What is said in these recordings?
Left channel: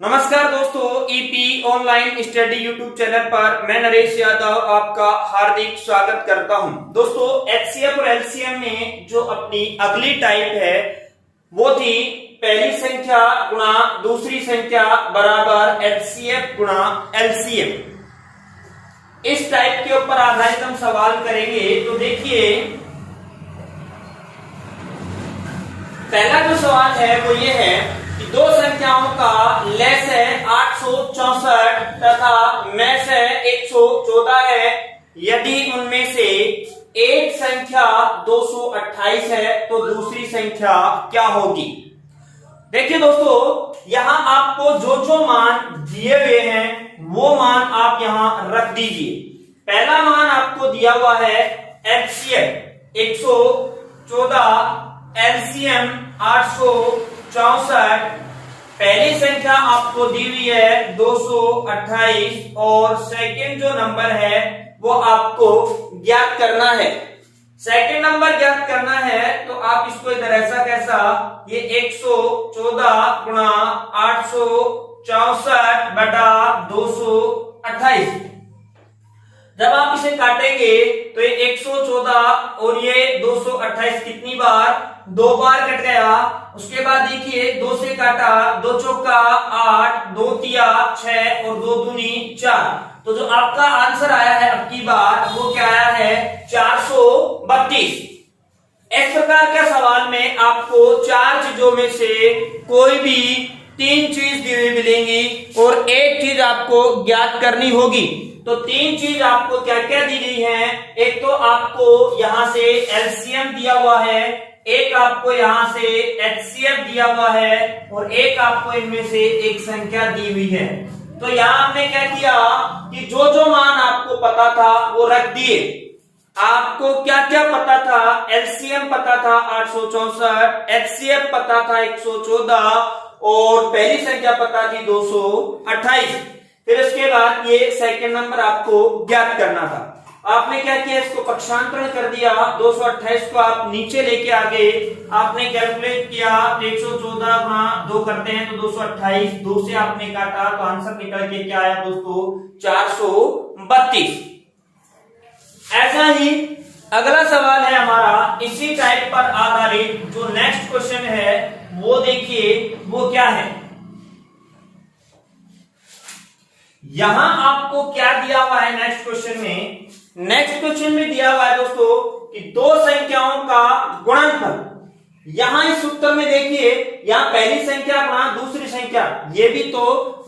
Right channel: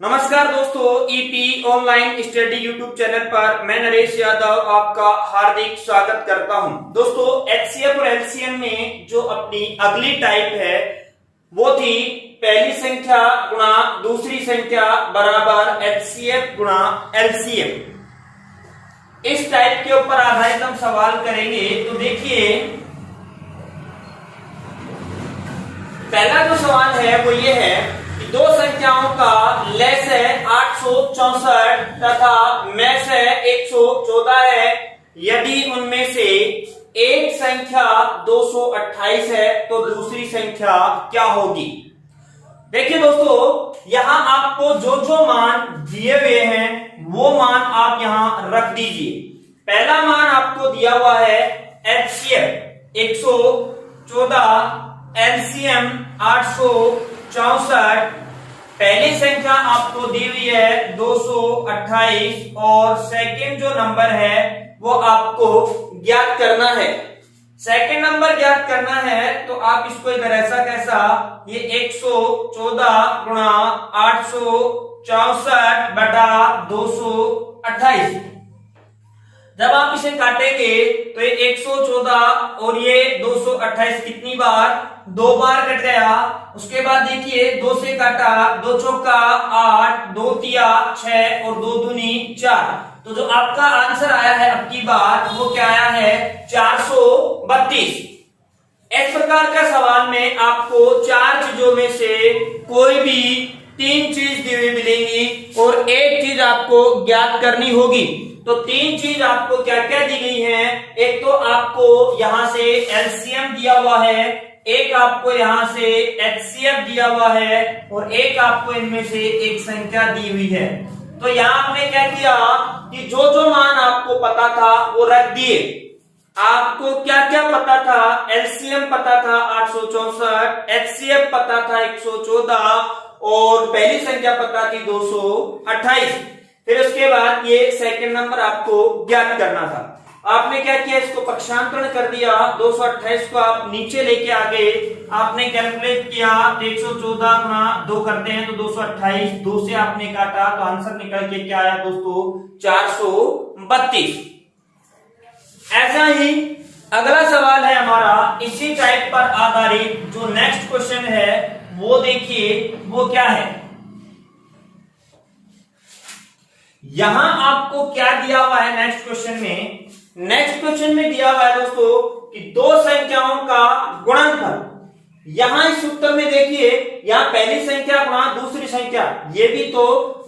नमस्कार दोस्तों, EP online study YouTube channel पर मैं नरेश यादव आपका हार्दिक स्वागत करता हूं। दोस्तों, एचसीएफ और एलसीएम में जो अपनी अगली टाइप है वो थी पहली संख्या गुणा दूसरी संख्या बराबर एचसीएफ गुणा एलसीएम। इस टाइप के ऊपर आधारित हम सवाल करेंगे। तो देखिए, पहला जो सवाल है वो ये है कि दो संख्याओं का लेस है 864 तथा मैस है 114 है। यदि उनमें से एक संख्या 228 है तो दूसरी संख्या क्या होगी। देखिए दोस्तों, यहां आपको जो जो मान दिए हुए हैं वो मान आप यहां रख दीजिए। पहला मान आपको दिया हुआ है एचसीएफ 114, एलसीएम 864, पहली संख्या आपको दी हुई है 228 और सेकंड जो नंबर है वो आपको ज्ञात करना है। सेकंड नंबर ज्ञात करना है तो आप इसको इधर ऐसा कैसा, ये 114 गुणा 864 बटा 228। जब आप इसे काटेंगे तो ये 114 और ये 228 कितनी बार, दो बार कट गया। उसके बाद देखिए, दो से काटा, दो चौका 8, दो तिया 6 और दो दूनी 4। तो जो आपका आंसर आया है अब की बार वो क्या आया है, 432। इस प्रकार का सवाल में आपको चार चीजों में से कोई भी तीन चीज दी हुई मिलेंगी और एक चीज आपको ज्ञात करनी होगी। तो तीन चीज आपको क्या क्या दी गई है, एक तो आपको यहां से एलसीएम दिया हुआ है, एक आपको यहां से एचसीएफ दिया हुआ है और एक आपको इनमें से एक संख्या दी हुई है। तो यहां हमने क्या किया कि जो जो मान आपको पता था वो रख दिए। आपको क्या क्या पता था, एलसीएम पता था 864, एचसीएफ पता था 114 और पहली संख्या पता थी 228। फिर उसके बाद ये सेकंड नंबर आपको ज्ञात करना था। आपने क्या किया, इसको पक्षांतरण कर दिया। 228 को आप नीचे लेके आगे आपने कैलकुलेट किया, 114 गुणा 2 करते हैं तो 228, 2 से आपने काटा तो आंसर निकल के क्या आया दोस्तों, 432। ऐसा ही अगला सवाल है हमारा इसी टाइप पर आधारित। जो नेक्स्ट क्वेश्चन है वो देखिए, वो क्या है। यहां आपको क्या दिया हुआ है नेक्स्ट क्वेश्चन में, नेक्स्ट क्वेश्चन में दिया हुआ है दोस्तों कि दो संख्याओं का गुणनफल। यहां इस उत्तर में देखिए, यहां पहली संख्या गुणा दूसरी संख्या, ये भी तो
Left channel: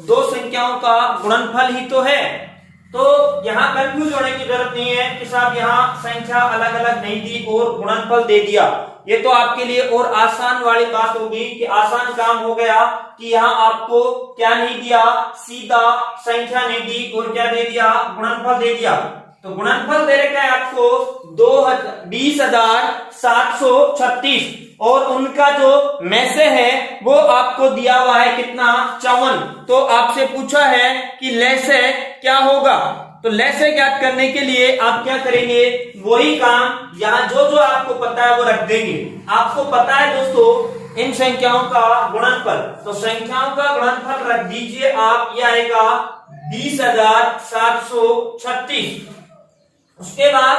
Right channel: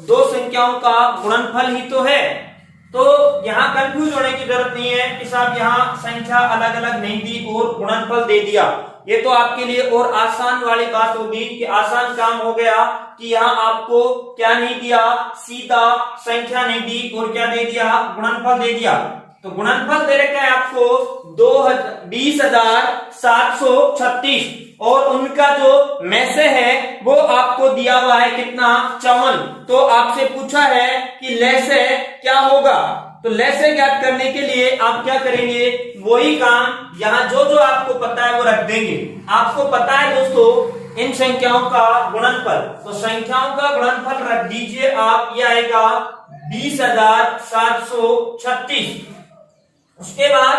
दो संख्याओं का गुणनफल ही तो है। तो यहां कंफ्यूज होने की जरूरत नहीं है कि साहब यहां संख्या अलग अलग नहीं दी और गुणनफल दे दिया। ये तो आपके लिए और आसान वाली बात होगी कि आसान काम हो गया कि यहाँ आपको क्या नहीं दिया, सीधा संख्या नहीं दी और क्या दे दिया, गुणनफल दे दिया। तो गुणनफल दे रखा है आपको 20,736 और उनका जो मैसे है वो आपको दिया हुआ है कितना, 54। तो आपसे पूछा है कि लेसे क्या होगा। तो लेसे ज्ञात करने के लिए आप क्या करेंगे, वही काम यहाँ जो जो आपको पता है वो रख देंगे। आपको पता है दोस्तों इन संख्याओं का गुणनफल, तो संख्याओं का गुणनफल रख दीजिए आप, यह आएगा 20,736। उसके बाद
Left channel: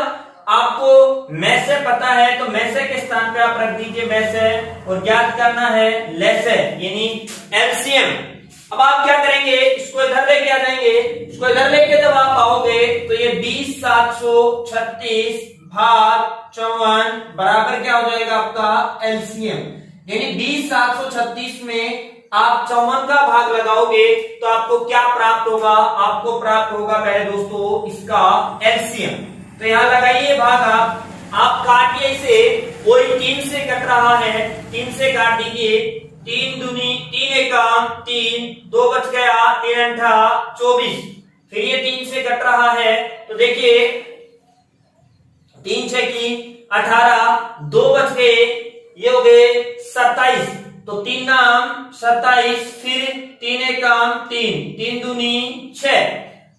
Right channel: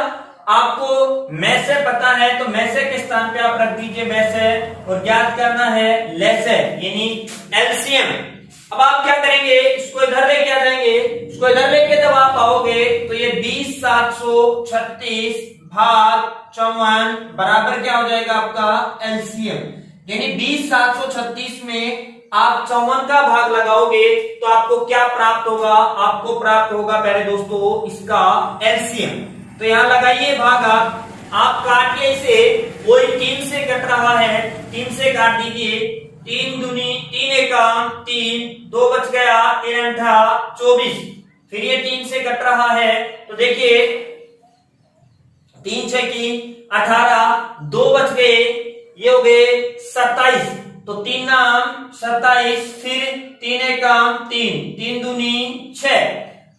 आपको मैसे पता है तो मैसे के स्थान पे आप रख दीजिए मैसे और ज्ञात करना है लेसे यानी एलसीएम। अब आप क्या करेंगे, इसको इधर लेके आ जाएंगे। इसको इधर लेके जब आप आओगे तो ये 20,736 भाग 54 बराबर क्या हो जाएगा आपका एलसीएम। यानी 20,736 में आप 54 का भाग लगाओगे तो आपको क्या प्राप्त होगा, आपको प्राप्त होगा पहले दोस्तों इसका एलसीएम। तो यहां लगाइए भाग आप काटिए इसे, कोई 3 से कट रहा है, 3 से काट दीजिए। 3 दूनी 3 एकम 3, 2 बच गया, 3 अंठा 24। फिर ये 3 से कट रहा है तो देखिए 3 6 की 18, 2 बच गए, ये हो गए 27। तो 3 नाम 27, फिर 3 एकम 3, 3 दूनी 6।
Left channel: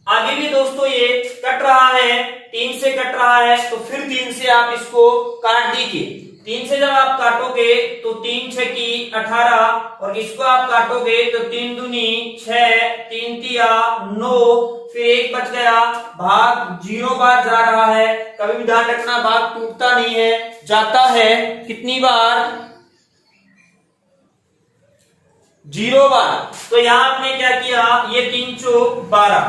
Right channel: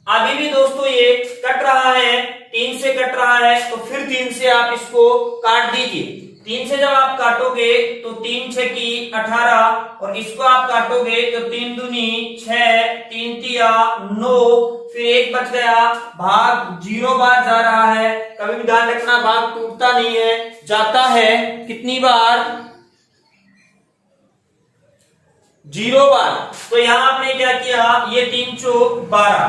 आगे भी दोस्तों ये कट रहा है, 3 से कट रहा है तो फिर 3 से आप इसको काट दीजिए। 3 से जब आप काटोगे तो 3 6 की 18 और इसको आप काटोगे तो 3 दूनी 6, 3 तिया 9, फिर 1 बच गया, भाग 0 बार जा रहा है। कभी भी ध्यान रखना भाग टूटता नहीं है, जाता है कितनी बार? 0 बार। तो यहां आपने क्या किया, ये 3 चौक 12।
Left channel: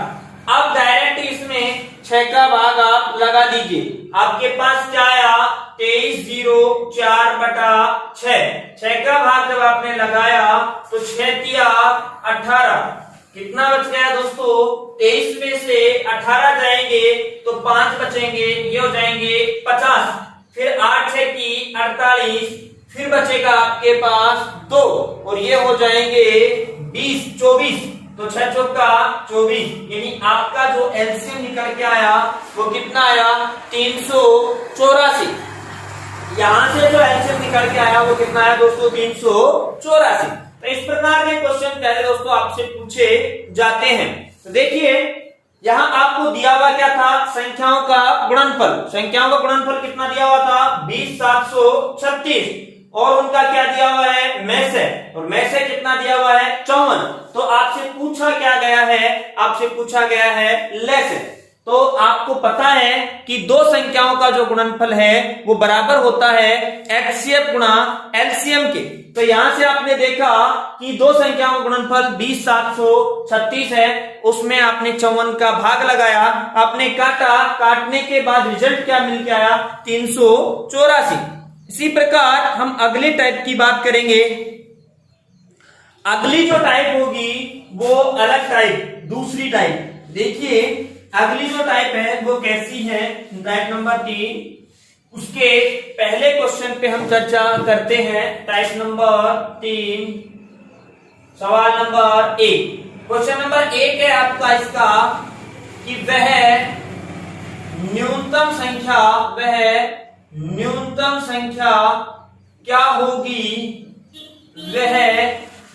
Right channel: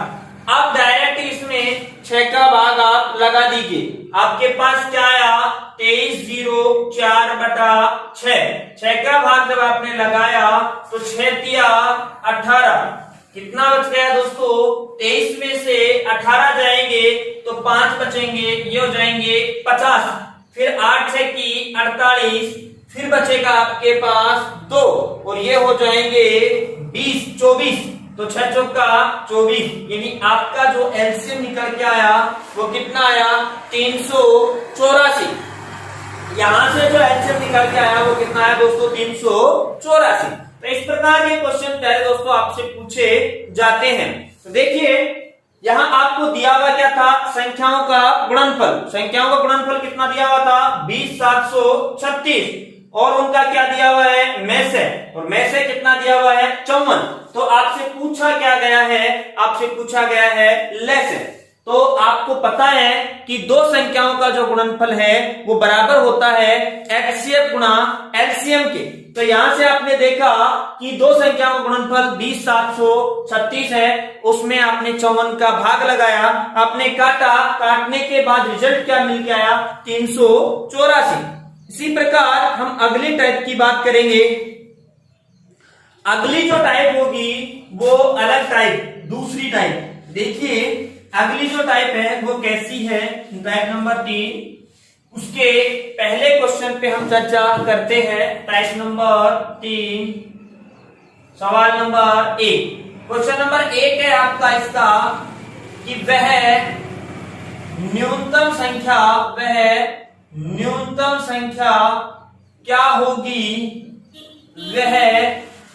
अब डायरेक्ट इसमें 6 का भाग आप लगा दीजिए। आपके पास क्या आया, 23 0 4 बटा 6। 6 का भाग जब आपने लगाया तो 6 तिया 18, कितना बच गया दोस्तों? 23 में से 18 जाएंगे तो 5 बचेंगे, ये हो जाएंगे 50। फिर 8 6 की 48, फिर बचेगा आपके पास 2 और ये हो जाएंगे 20 24। तो 6 चौका 24, यानी आपका जो एलसीएम निकल के आया वो कितना आया? 384। यहां से जो एलसीएम निकल के आया वो कितना आया दोस्तों? 384। तो इस प्रकार के क्वेश्चन पहले दोस्तों आपसे पूछे जाते हैं। तो देखिए यहां आपको दिया हुआ क्या था, संख्याओं का गुणनफल। संख्याओं का गुणनफल कितना दिया हुआ था? 20 736। और उनका क्या दिया हुआ है? मैसे। और मैसे कितना दिया हुआ है? 54। तो आपसे पूछा क्या गया है? आपसे पूछा गया है लेसे। तो आपको पता है कि दो संख्याओं का जो गुणनफल है वो बराबर होता है एचसीएफ गुणा एलसीएम के। तो यहां से आपने देखा कि दो संख्याओं का गुणनफल 20 736 है, उसमें आपने 54 का भाग लगाया, आपने काटा, काटने के बाद रिजल्ट क्या मिल के आया? 384। इसी प्रकार हम अगले टाइप की बात करेंगे। अगली जो टाइप होगी वो अलग टाइप, दूसरी टाइप। देखिए अगली जो टाइप है वो कैसी है, टाइप नंबर 3। उसके पहले क्वेश्चन पे हम चर्चा करते हैं। टाइप नंबर 3, सवाल नंबर 1। क्वेश्चन नंबर 1 है आपका इसका कि वह न्यूनतम संख्या क्या होगी, वह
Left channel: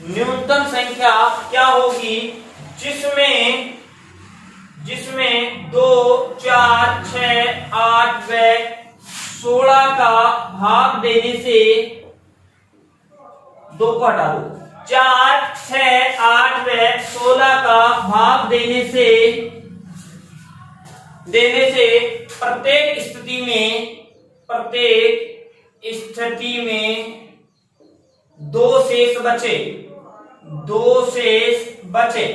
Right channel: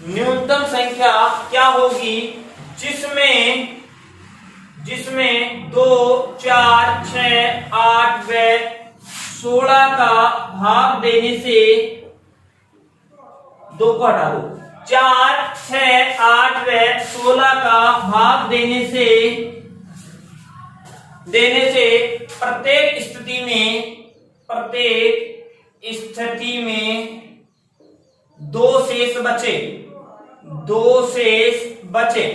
न्यूनतम संख्या क्या होगी जिसमें 2 4 6 8 व 16 का भाग देने से, 2 को हटा दो, 4 6 8 व 16 का भाग देने से प्रत्येक स्थिति में 2 शेष बचे।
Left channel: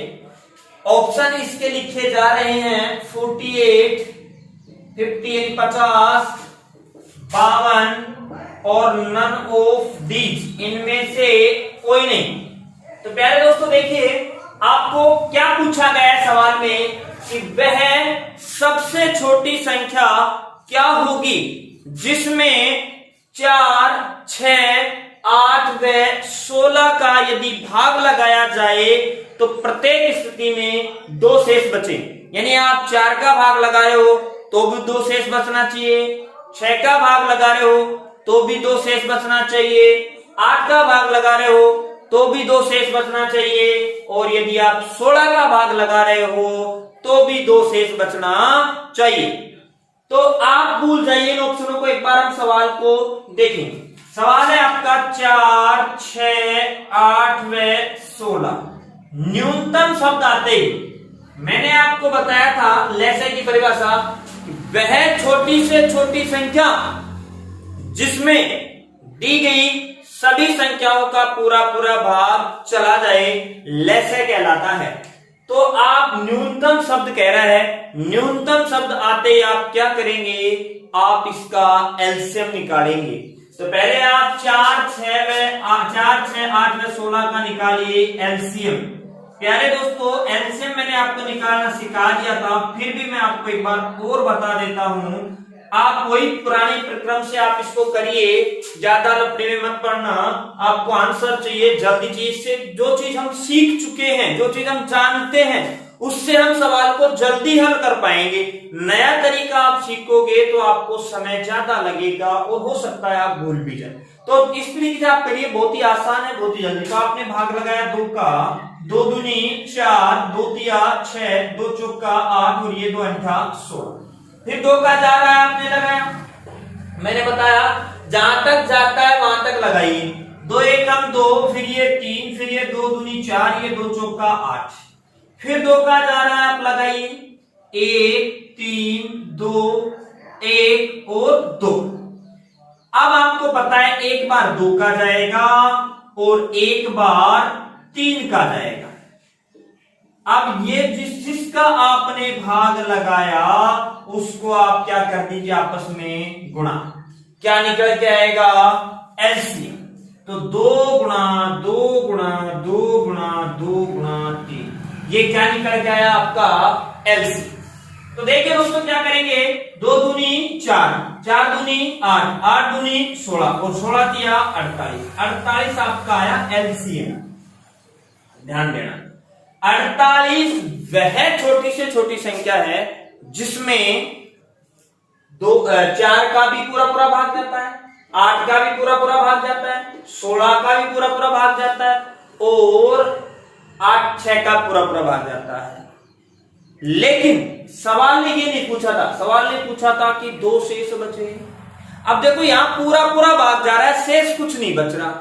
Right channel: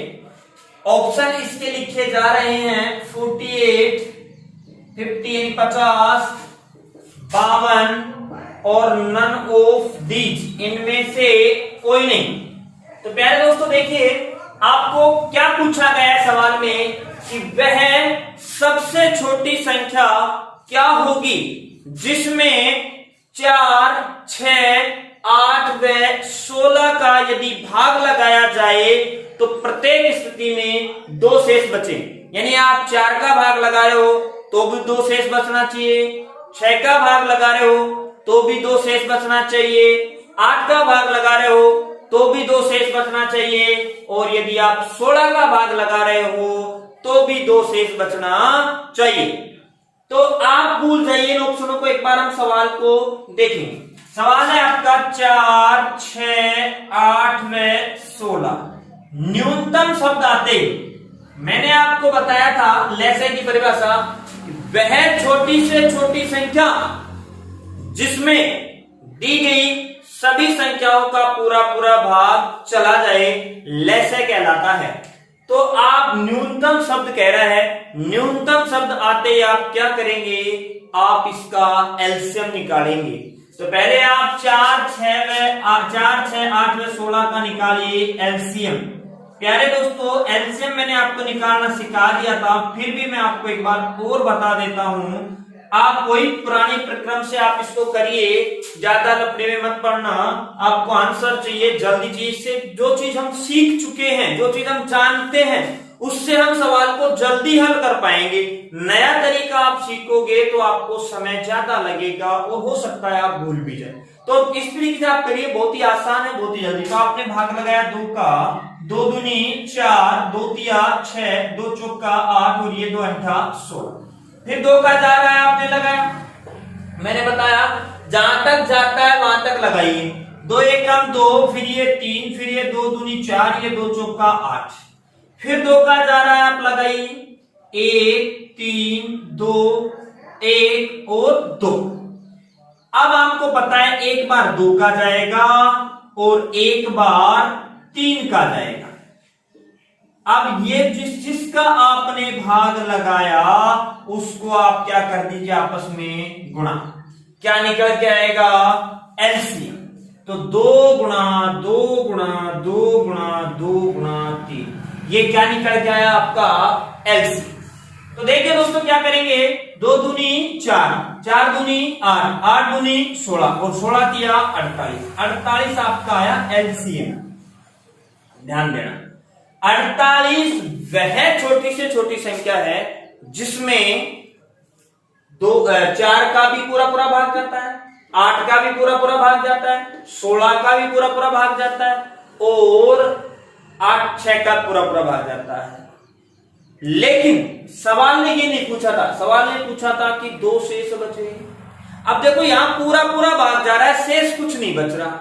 ऑप्शन इसके लिखे जा रहे हैं 48 50 यानी 50 52 और नन ऑफ दीज, इनमें से कोई नहीं। तो प्यारे दोस्तों देखिए आपको क्या पूछा गया है सवाल में कि वह सबसे छोटी संख्या क्या होगी जिसमें 4 6 8 व 16 का यदि भाग लगाया जाए तो प्रत्येक स्थिति में 2 शेष बचे। यानी आप 4 का भाग लगा रहे हो तो भी 2 शेष बचना चाहिए, 6 का भाग लगा रहे हो तो भी 2 शेष बचना चाहिए, 8 का भाग लगा रहे हो तो भी 2 शेष बचना चाहिए, और यदि आप 16 का भाग लगा रहे हो तो भी 2 शेष बचना चाहिए। तो आप भूल जाइए इन ऑप्शनों को, एक बार हम सवाल को देखेंगे। सवाल है आपका 4 6 8 व 16। न्यूनतम शब्द आते मैंने आपको बताया था लेसे की परिभाषा, वह छोटी से छोटी संख्या जिसमें दी गई सभी संख्याओं का पूरा भाग चला जाए, लेसे कहलाता है। तो आप न्यूनतम शब्द कह रहा है, न्यूनतम शब्द आते ही आप क्या करेंगे? आप इसका एलसीएम निकालेंगे। तो पहले आप 4 6 8 व 16 का निकालिए एलसीएम। प्यारे दोस्तों एलसीएम मैंने आपको निकालना सिखा दिया था, फिर भी मैं आपको एक बार और बता देता हूं। आप वही पुरानी प्रक्रम से आप इसको करिए, ज्यादा लफड़े में मत पड़ना। आपको आंसर चाहिए जल्दी चाहिए। इससे जो चीज हम सीख चुके हैं, जो चीज हम जानते हैं, उससे हम सवाल को जल्दी हल कर पाएंगे। नया तरीका आप सीखोगे तो आपको समय ज्यादा लगेगा और हो सकता है आप भूल भी जाए। तो इस तरीके से आप करिए, बहुत ही आसान है, बहुत ही जल्दी। तो आपने भाग लगाया 2 का, 2 दूनी 4, 2 तिया 6, 2 चौका 8 और ये 2 अंठा 16। फिर 2 का जा रहा है आपने लगाया, मैंने बताया जहां तक जाता है वहां तक लगाइए। 2 एकम 2, फिर ये 3, फिर ये 2 दूनी 4, ये 2 चौका 8, फिर 2 का जा रहा है, आप लगाइए 1 3 2 1 और 2। अब आपको पता है एक बार 2 का जाएगा और एक बार 3 का जाएगा। अब ये जिसका आपने भाग लगाया उसको आप क्या कर दीजिए, आपस में गुणा। क्या निकल के आएगा, एलसीएम। तो 2 गुणा 2 गुणा 2 गुणा 2 गुणा 3, ये क्या निकल के आया आपका एलसीएम। तो देखिए दोस्तों क्या करेंगे, 2 दूनी 4, 4 दूनी 8, 8 दूनी 16 और 16 दिया 48, 48 आपका आया एलसीएम। ध्यान देना, 48 वह छोटी से छोटी संख्या है जिसमें 4 का भी पूरा पूरा भाग जाता है, 8 का भी पूरा पूरा भाग जाता है, 16 का भी पूरा पूरा भाग जाता है और 8 6 का पूरा पूरा भाग जाता है। लेकिन सवाल ने ये नहीं पूछा था, सवाल ने पूछा था कि 2 शेष बचे। अब देखो यहां पूरा पूरा भाग जा रहा है, शेष कुछ नहीं बच रहा।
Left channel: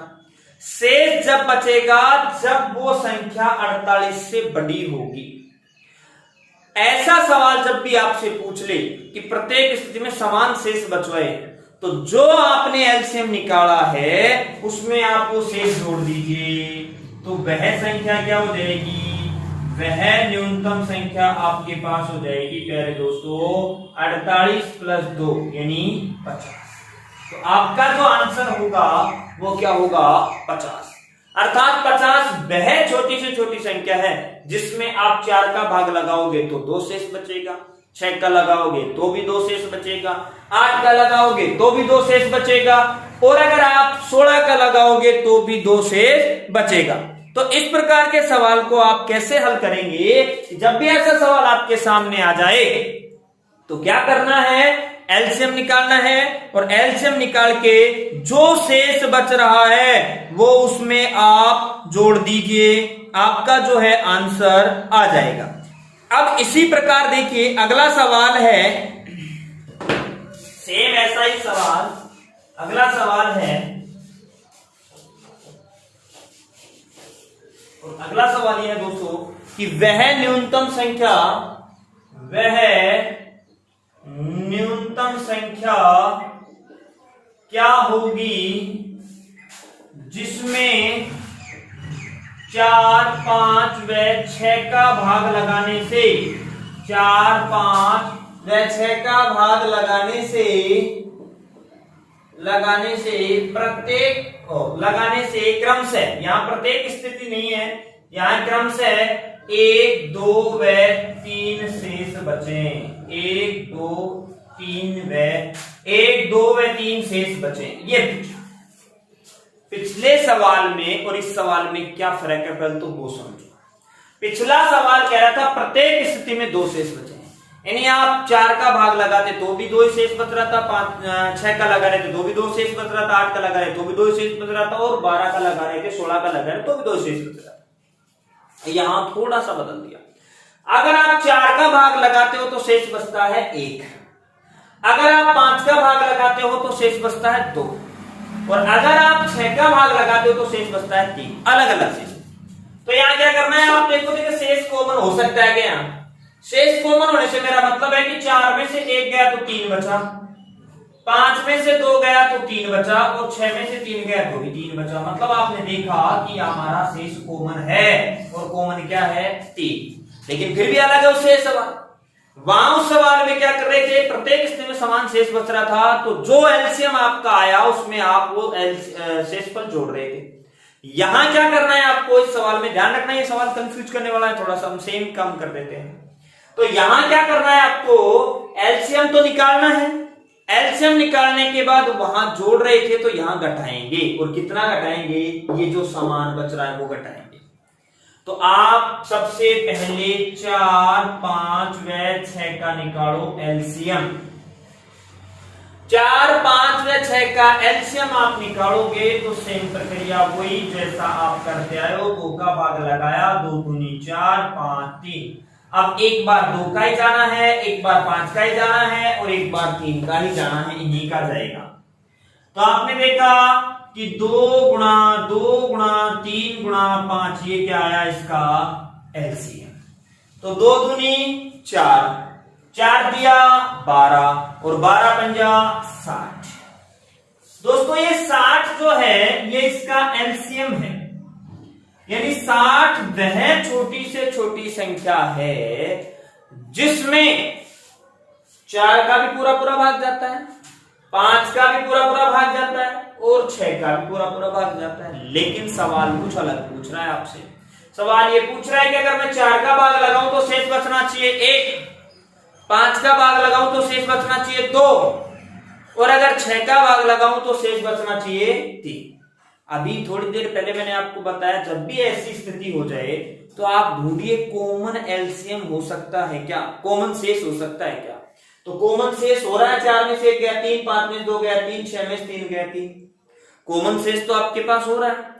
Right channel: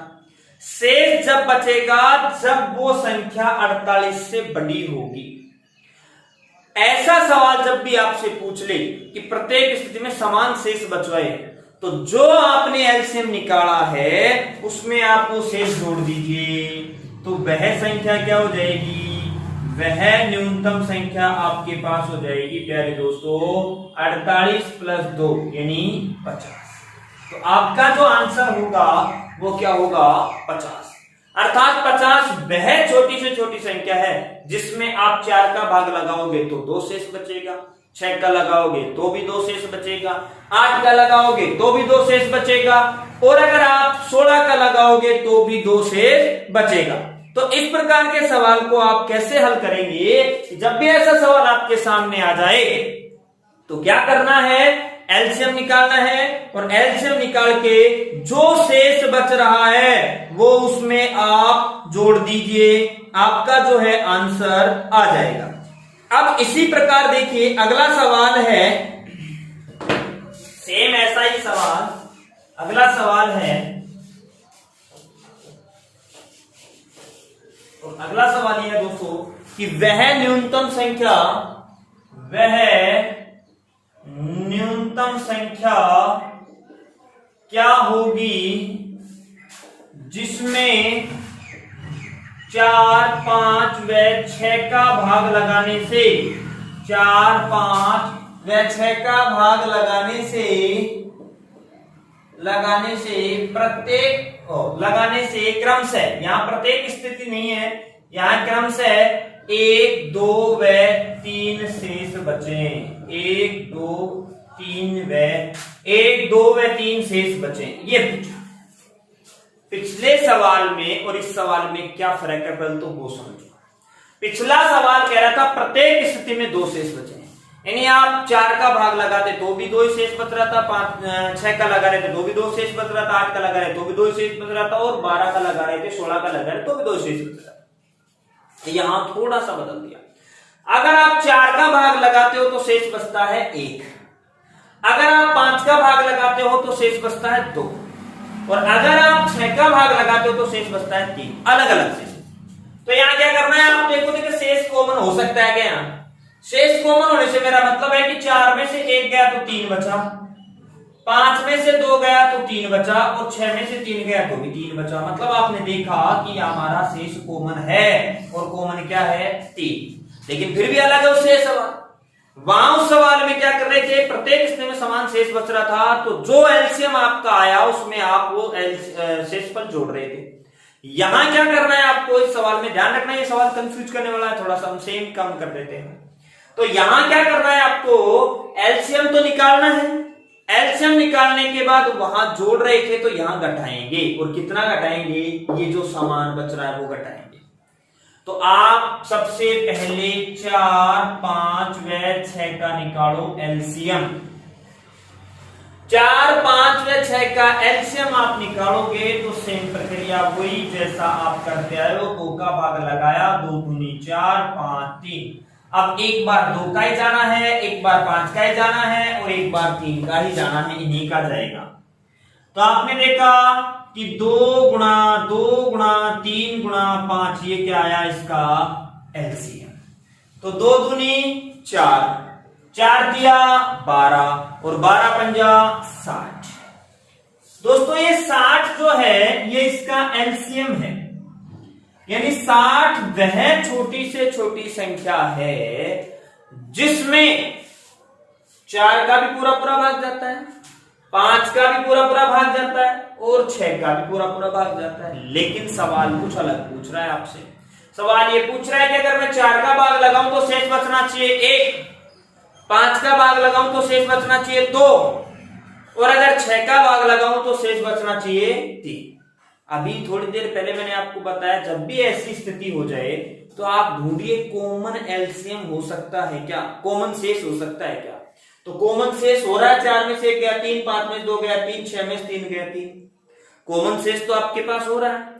शेष जब बचेगा जब वो संख्या 48 से बड़ी होगी। ऐसा सवाल जब भी आपसे पूछ ले कि प्रत्येक स्थिति में समान शेष बचवाए, तो जो आपने एलसीएम निकाला है उसमें आप वो शेष जोड़ दीजिए, तो वह संख्या क्या हो जाएगी, वह न्यूनतम संख्या आपके पास हो जाएगी प्यारे दोस्तों 48 प्लस 2 यानी 50। तो आपका जो आंसर होगा वो क्या होगा, 50। अर्थात 50 वह छोटी से छोटी संख्या है जिसमें आप 4 का भाग लगाओगे तो 2 शेष बचेगा, 6 का लगाओगे तो भी 2 शेष बचेगा, 8 का लगाओगे तो भी 2 शेष बचेगा और अगर आप 16 का लगाओगे तो भी 2 शेष बचेगा। तो इस प्रकार के सवाल को आप कैसे हल करेंगे, जब भी ऐसा सवाल आपके सामने आ जाए तो क्या करना है, एलसीएम निकालना है और एलसीएम निकाल के जो शेष बच रहा है वो उसमें आप जोड़ दीजिए, आपका जो है आंसर आ जाएगा। अब इसी प्रकार देखिए अगला सवाल है, सेम ऐसा ही सवाल, अगला सवाल है और अगला सवाल यह है दोस्तों कि वह न्यूनतम संख्या क्या होगी जिसमें 4 5 व 6 का भाग लगाने से 4 5 व 6 का भाग लगाने से क्रम से, यहां प्रत्येक स्थिति नहीं है, यहां क्रम से 1 2 व 3 शेष बचे, 1 2 व 3 शेष बचे। ये पूछा। पिछले सवाल में और इस सवाल में क्या फर्क है पहले तो वो समझो। पिछला सवाल कह रहा था प्रत्येक स्थिति में 2 शेष बचे, यानी आप 4 का भाग लगाते तो भी 2 ही शेष बच रहा था, 5 6 का लगा रहे थे तो भी 2 शेष बच रहा था, 8 का लगा रहे तो भी 2 शेष बच रहा था और 12 का लगा रहे थे, 16 का लगा रहे तो भी 2 शेष बच रहा था। यहां थोड़ा सा बदल दिया, अगर आप 4 का भाग लगाते हो तो शेष बचता है 1, अगर आप 5 का भाग लगाते हो तो शेष बचता है 2 और अगर आप 6 का भाग लगाते हो तो शेष बचता है 3, अलग अलग शेष। तो यहां क्या करना है, आप देखो शेष कॉमन हो सकता है क्या, शेष कॉमन होने से मेरा मतलब है कि 4 में से 1 गया तो 3 बचा, 5 में से 2 गया तो 3 बचा और 6 में से 3 गया तो भी 3 बचा। मतलब आपने देखा कि हमारा शेष कॉमन है और कॉमन क्या है 3। लेकिन फिर भी अलग है उससे सवाल, वहां उस सवाल में क्या कर रहे थे, प्रत्येक स्थिति में समान शेष बच रहा था, तो जो एलसीएम आपका आया उसमें आप वो शेषफल जोड़ रहे थे। यहां क्या करना है आपको, इस सवाल में ध्यान रखना, ये सवाल कंफ्यूज करने वाला है थोड़ा सा, हम सेम कम कर देते हैं। तो यहां क्या करना है आपको, एलसीएम तो निकालना है, एलसीएम निकालने के बाद वहां जोड़ रहे थे तो यहां घटाएंगे, और कितना घटाएंगे, ये जो सामान बच रहा है वो घटाएंगे। तो आप सबसे पहले 4 5 व 6 का निकालो एलसीएम, 4 5 व 6 का एलसीएम आप निकालोगे तो सेम प्रक्रिया वही जैसा आप करते आए हो, 2 का भाग लगाया, 2 दूनी 4 5 3। अब एक बार 2 का ही जाना है, एक बार 5 का ही जाना है और एक बार 3 का ही जाना है, इन्हीं का जाएगा। तो आपने देखा कि 2 गुणा 2 गुणा 3 गुणा 5, ये क्या आया इसका एलसीएम। तो 2 दूनी 4, 4 दिया 12 और 12 पंजा 60। दोस्तों ये 60 जो है ये इसका एलसीएम है, यानी 60 वह छोटी से छोटी संख्या है जिसमें 4 का भी पूरा पूरा भाग जाता है, 5 का भी पूरा पूरा भाग जाता है और 6 का भी पूरा पूरा भाग जाता है। लेकिन सवाल कुछ अलग पूछ रहा है आपसे। सवाल ये पूछ रहा है कि अगर मैं 4 का भाग लगाऊं तो शेष बचना चाहिए 1, 5 का भाग लगाऊं तो शेष बचना चाहिए 2 और अगर 6 का भाग लगाऊं तो शेष बचना चाहिए 3। अभी थोड़ी देर पहले मैंने आपको बताया जब भी ऐसी स्थिति हो जाए तो आप ढूंढिए कॉमन एलसीएम हो सकता है क्या, कॉमन शेष हो सकता है क्या। तो कॉमन शेष हो रहा है 4 में से 1 गया 3, 5 में से 2 गया 3, 6 में से 3 गया 3। कॉमन शेष तो आपके पास हो रहा है।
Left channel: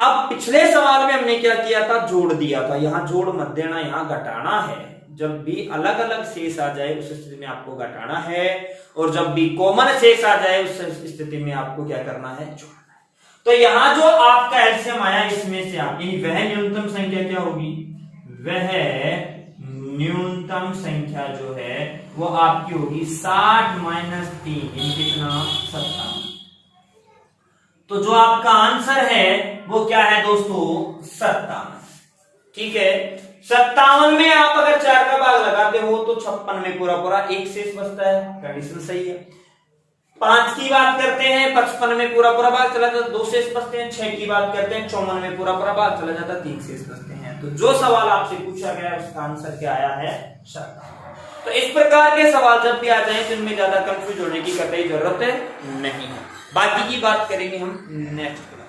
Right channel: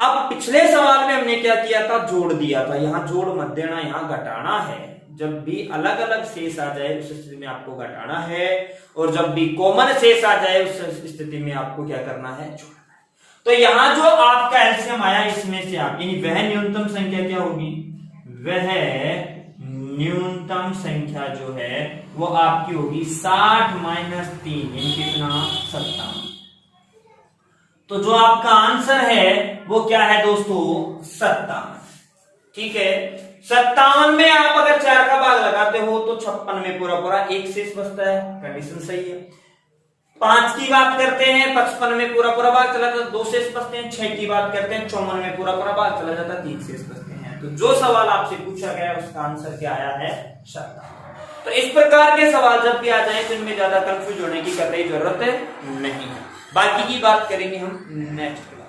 अब पिछले सवाल में हमने क्या किया था, जोड़ दिया था। यहां जोड़ मत देना, यहां घटाना है। जब भी अलग अलग शेष आ जाए उस स्थिति में आपको घटाना है और जब भी कॉमन शेष आ जाए उस स्थिति में आपको क्या करना है, जोड़ना है। तो यहां जो आपका एलसीएम आया इसमें से आप वह न्यूनतम संख्या क्या होगी, वह न्यूनतम संख्या जो है वो आपकी होगी 60 माइनस 3, यानी कितना 57। तो जो आपका आंसर है वो क्या है दोस्तों, 57। ठीक है, 57 में आप अगर 4 का भाग लगाते हो तो 56 में पूरा पूरा 1 शेष बचता है, कंडीशन सही है। 5 की बात करते हैं 55 में पूरा पूरा भाग चला जाता है, 2 शेष बचते हैं। 6 की बात करते हैं 54 में पूरा पूरा भाग चला जाता है, 3 शेष बचते हैं। तो जो सवाल आपसे पूछा गया उसका आंसर क्या आया है, 57। तो इस प्रकार के सवाल जब भी आ जाए तो इनमें ज्यादा कंफ्यूज होने की कतई जरूरत नहीं है। बाकी की बात करेंगे हम नेक्स्ट।